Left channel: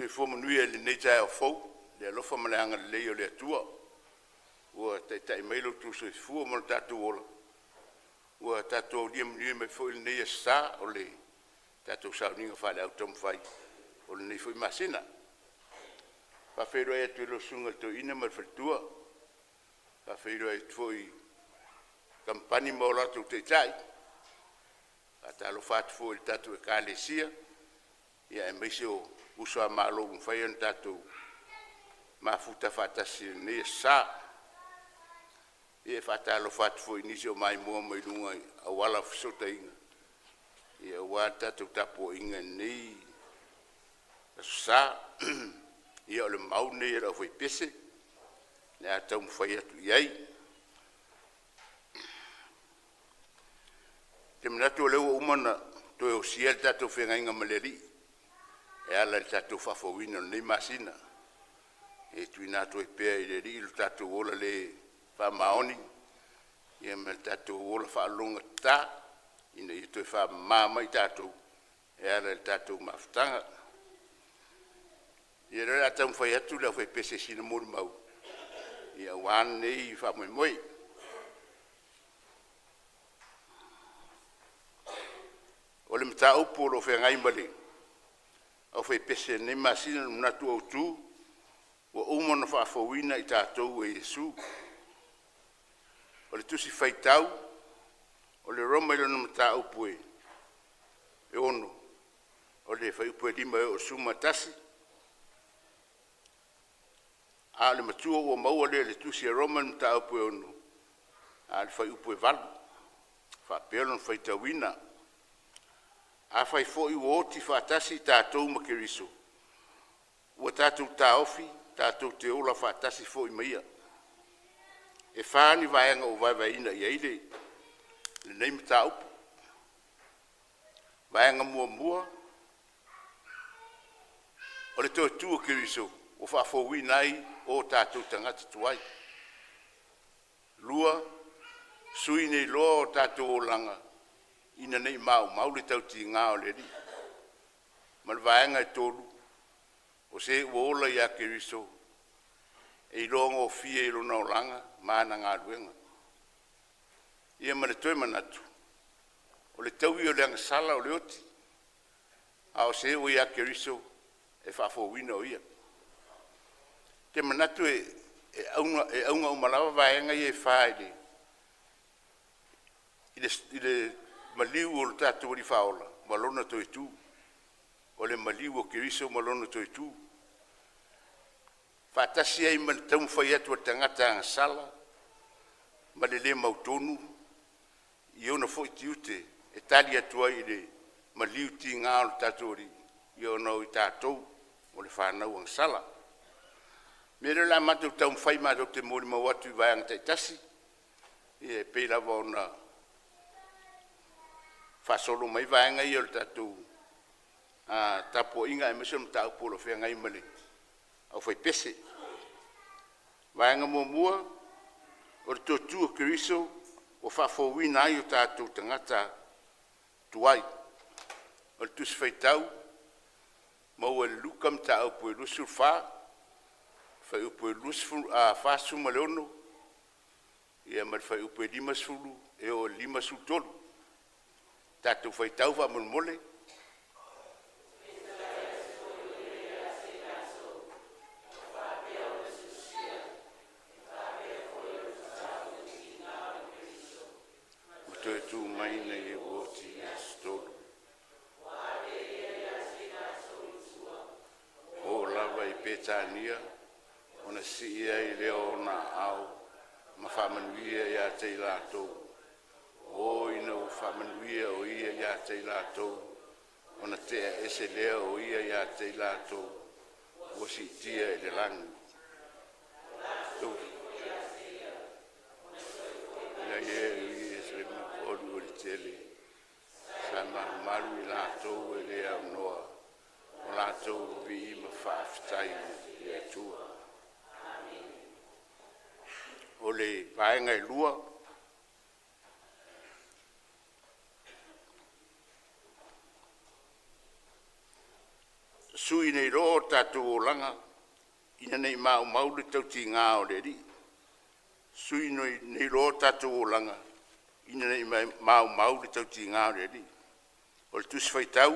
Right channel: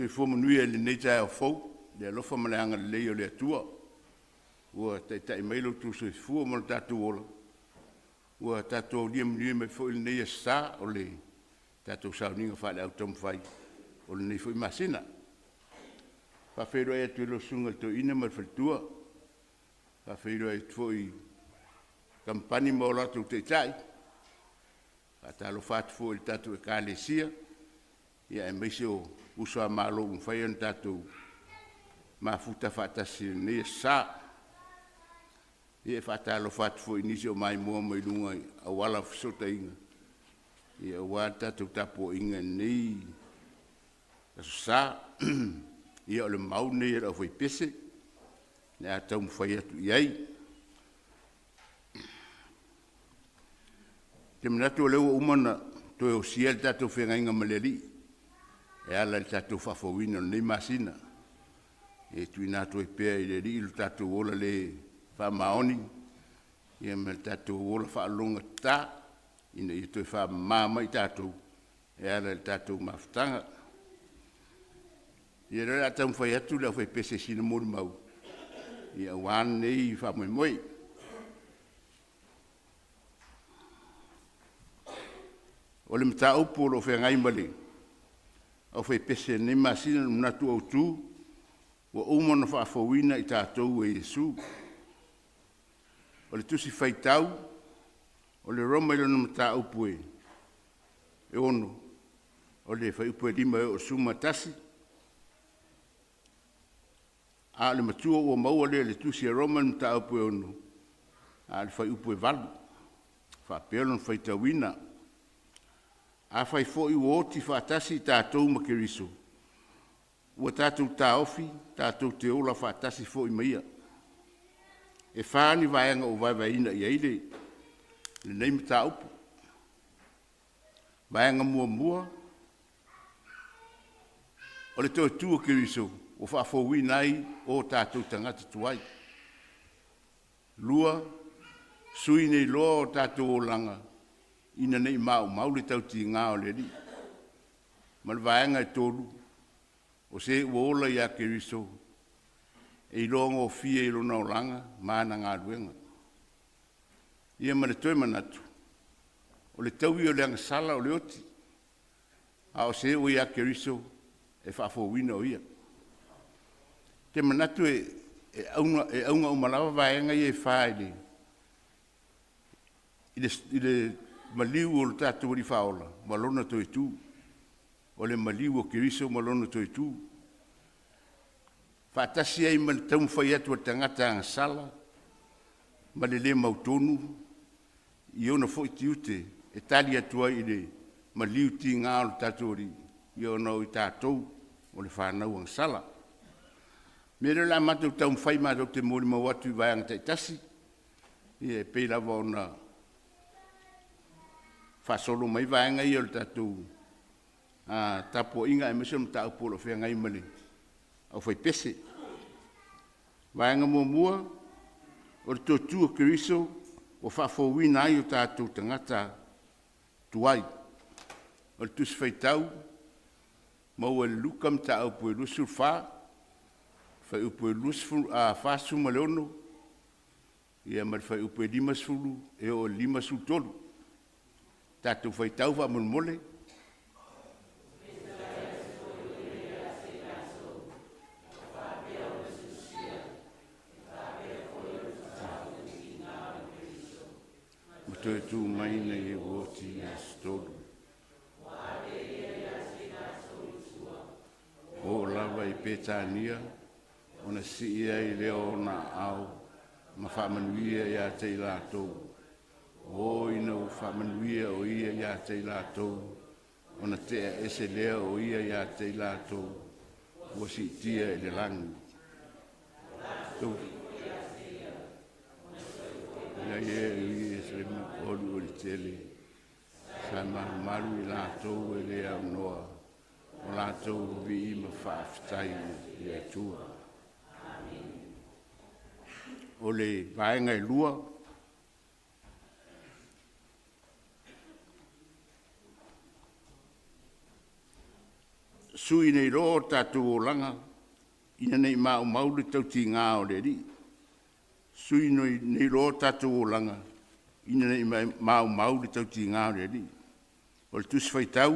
Te whamanui e le nei tae o fau, le alofa maleanga le lei o le atua. Ua tai mailo tu sui fua mo le tatu ola. Ua tatu liam me fo il nei sa o le tatu sauninga whale au tom whai. O le nei fo i masina. Whawhero e atu ilo sunga to ina ma whaltua. Whawhero e fo i kampani mo latu te tai. Whatalo whatu fo il tatu e kālesia. Ia e meise o usua malo un whai an tatu. Mafuta whatasi nei sa. Ia e whatalo whatu fo i nisi o mai mua mai lunga a wala fsota inga. Ia wā tatu tapo inga nei. Aso sa. Ia o le mau nei e rau whai pese. Le a tau mwhai atu iai. Te manatu o leo umana toe o sia le tatu whenga inga maleri. E ala le tatu whawhawina nei masina. E tui nātu e pēr i le ri ilu tatu ola le whamaoni. Ia me le tatu ola whaalonga tā. Ina i toi whamama i tatu. E ala le tatu mawhtanga. Ia rea a tau mwhai atu leo whai pese sina mori mau. Ia wan nei whamoi moi. O le mta upo lo whengai mali. Au whai pese nei masina natu au tū. Wa umana whaafawina i tātou e Yesu. O le tusi whaitau. O le roma ilo na mta upo e. E ono. O le whai upo e lima e o suma tasi. A le matua ua maua le tusi e roma na mta upo e ono. A le whai upo e valu. Whaapelo na whaitawina. A whai fo i uoti whaatasi tātou makeriso. Ua tātou tā ofi, tātou te ola whaatasi fo i maia. E whaani vaianga o vaivaina i aile, le neimi tā upu. Vaianga mua mua. O le toi tua keriso, o whaafowi nai o tātou tangata tuai. Lua, sui nei loa o tātou o langa. Ina nei mau le tau ti ngā o le ri. Malvaenga e tolu. O se uola ia keriso. E ilonga o fia ilona o langa. Mana ngā ruenga. Ia mare toi manatu. O le tau i o le anga sala o le oti. A o se o ia keriso. E whaafowina o ia. Te manatu e aunga o malawa vaenga i e whaile. I le maliu o le tātou ri whaola, malona toi tū. O le maliu o kiriso, malona toi tū. Whaatasi ai man tau mwhai atu a tangata ang sala, ma le le mautonu, i ona fo i tiute, e tali atua i le maliu ti ngā o le tātou ri, i ona o i tātou, o le whanau ang sala. Mera la matou tau mwhai matou te mori mawatu i vaianga taitasi, i e pei lava ona whasolo mai vaenga i o le tātou. Tapo inga e mesam tā upolo whenga i mali. Au whai pese. Vaenga mua mua, o le tōtua keriso, o whawhawina ai o tātou tangata tuai. O le tusi whaitau, mau e lukam tā upo e lusu wha, whai upo e lusu whasuma leono, ia mar whai upo e limasfulu, e o limasu tolu. Tātou whaitau wha mulmole. Matoe tū maina i e woti a stolu. O lava i Petania, ona si ia i leo na au, ma whamanuia i a te lātou. O ina o whamanuia o ia ia te lātou. Ona te ese lea o ia ia te lātou. Ua si tia e le langu. Ia ia i e se olu o le tele. Sa maru i lātou e lea o noa. O lātou vi ima whaafitai i atua. O le vaenga i lua. sui nei ro tātou o langa, ina nei mau le tau ti ngā o le ri. Sui nei ro tātou o langa, ina nei mau le tau ti ngā o le ri. O le tusi fai tau,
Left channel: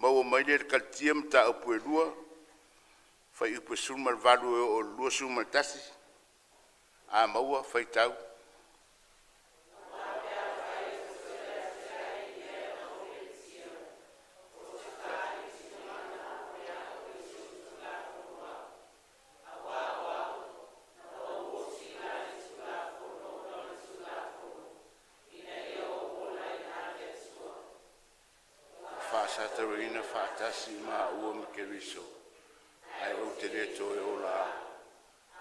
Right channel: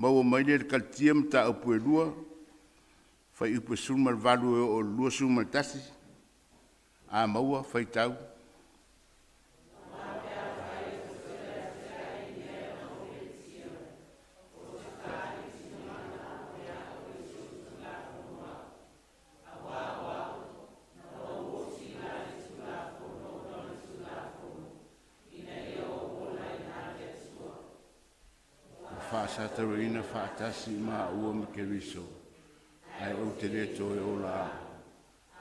mau o mai le kaltia mta upu e lua, fai upu sumar valu o lua sumar tasi, a maua fai tau. Whaasataroina whaatasi ma ua me Keriso. Ai o te reto e ola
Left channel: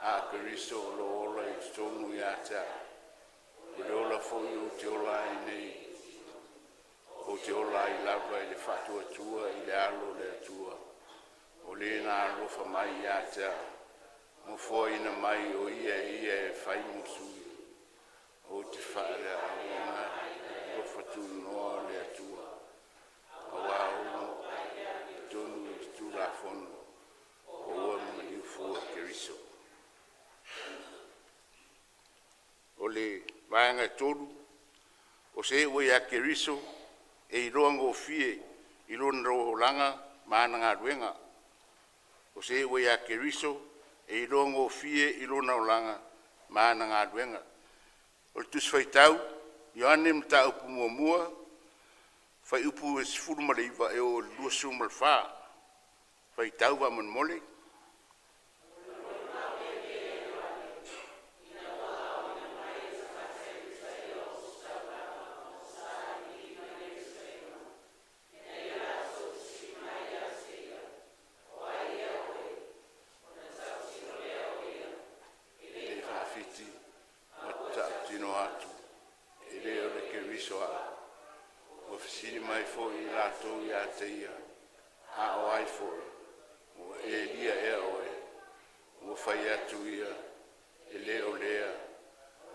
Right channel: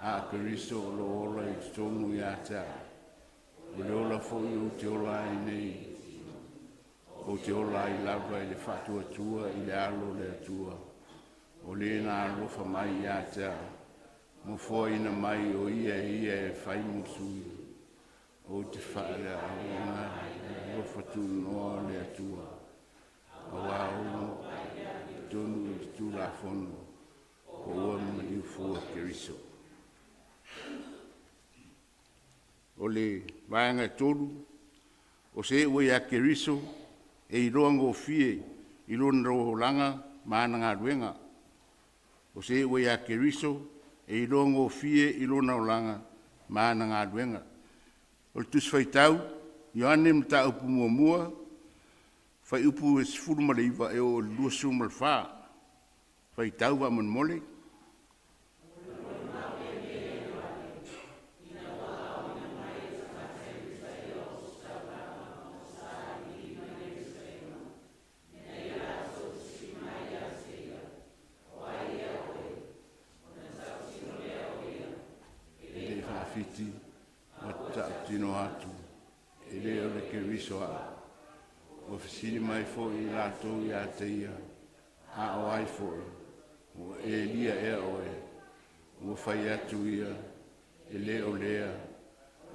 a Keriso o lo ola i tonu i ata. O le ola fōi o te ola i nei. O te ola i lava i le whatua tua i le alo le atua. O le na alofa mai i ata. Mo fōi na mai o ia e whai musui. O te whaare a ona alofa tu noa le atua. Awa ono tonu i tu la fono o ua mani ufua Keriso. O le vaanga tolu, o se ua ia Keriso e i roa ngō fie i lona roho langa maana ngā ruenga. O se ua ia Keriso e i roa ngō fie i lona o langa maana ngā ruenga. O le tuswai tau, Ioane mta upu mua mua, fai upu e sifuru ma le iwa e o lua suma le wha. Fai tau wa man mole. Ele whawhiti, o tino atu, ele o le Keriso a. O fisiri mai fo i lato i a teia, a o ai fo, o e lia e oe, o fai atu ia, e le o lea,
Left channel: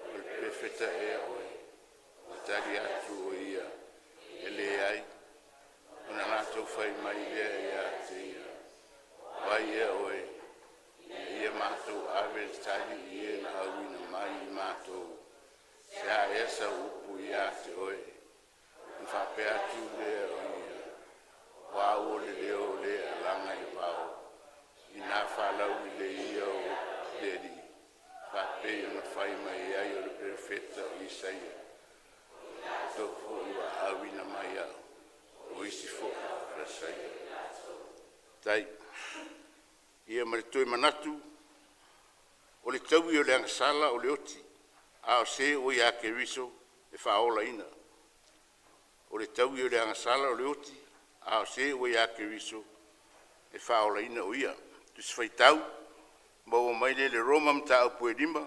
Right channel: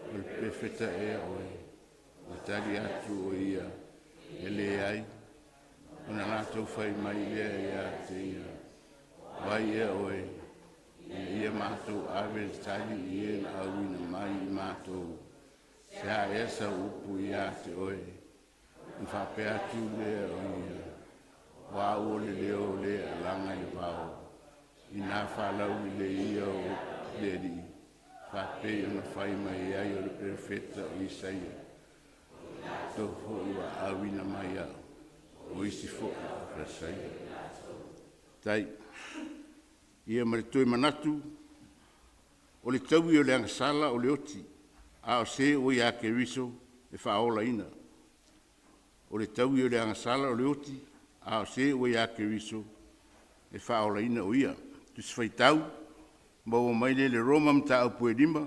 o le pefeta e oe, o tali atu o ia, e le ai, o na lato fai mai lea i a teia, o ai e oe, e ia mātou awe tali i e na awina mai i mātou, se a esa upu i a te oe, whapea tu lea o ia, wā o le leo lea langa i wāo, i nā whalau i le ia o le ri, whapea na whai mai ai o le perfeta o Isaia, tau fo i wa awina mai au, o isi fo i whasaia. Tai, ia maritoi manatu, o le tau i o le angasala o le oti, a o se o ia Keriso e whaola ina. O le tau i o le angasala o le oti, a o se ua ia Keriso e whaola ina o ia. Tusi whai tau, maua mai le Roma mta au pue lima,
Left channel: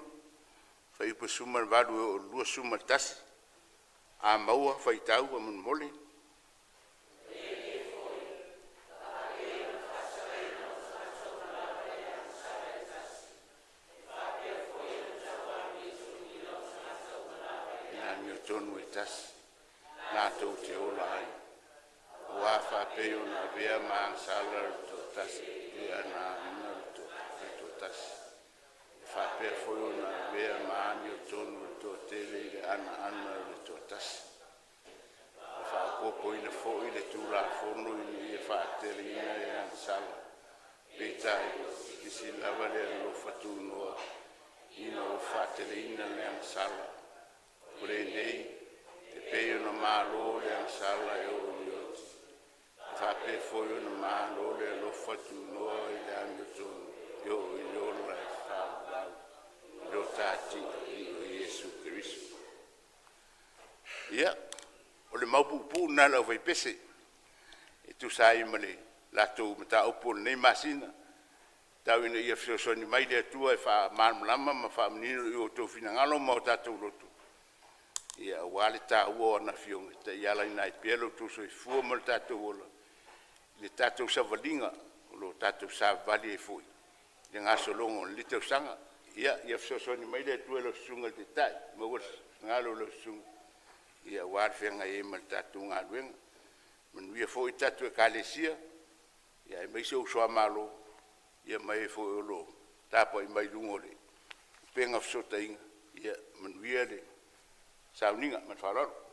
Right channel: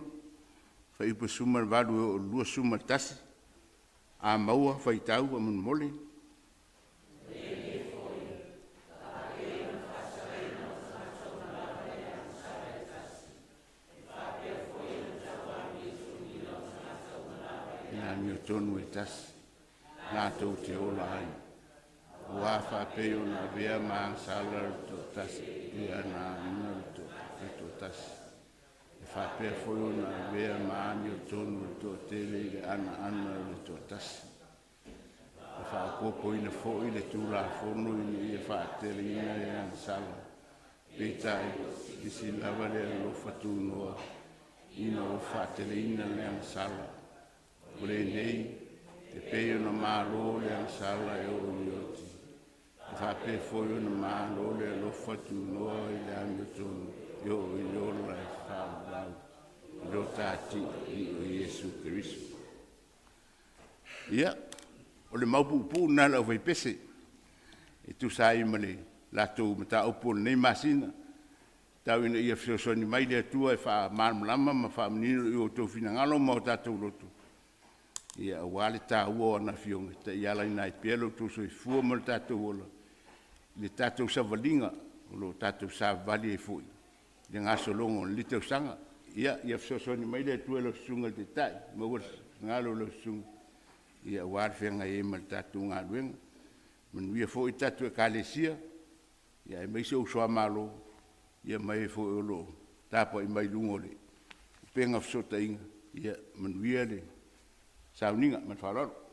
whai upa sumar valu o lua sumar tasi, a maua whai tau a mun mole. Ina mi o tonu e tasi. Nā tau te ola ai. O a whapei o nā vea maa sala to tasi, i ana ina to tasi. E whapea foi o nā vea maa ni o tonu to tele i le ana to tasi. E whakopo ina fo i le tūla fono i e whaatele ina e ana sala. Peitai, i si lava le alofa tūnoa, ina o whaatele ina le ana sala. O le nei, te peo na mālo le ansala e o ioti. E whape foi o na mālo le alofa tu noa i le amiotonu. I o iola e whālau. I lo tāti i o Iesu Keriso. Ia, o le maupupu nala o vaipese. E tu sa i male lato mata opo nei masina. Tau ina ia fiosoni mai le atua e wha marmalama ma wha manino i o tō finangalo ma o tātou lotu. Ia wale tā ua ana fionga, ta iala ina i pielo tu so i fua mo le tātou ola. Le tātou savalinga, o lo tātou savali e fui. Le ngā solongo, le tau sanga. Ia fisosoni mai le atua lo sunga te tai, ma ua ngalo lo sunga. Ia wale whianga e ma le tātou ngā ruenga. Manuia fo i tātou e kālesia, ia e mai se usua malo, ia mai fo e lo, tapa i mai lungo le, penga fsota inga, ia manuia le, sauninga man whararo.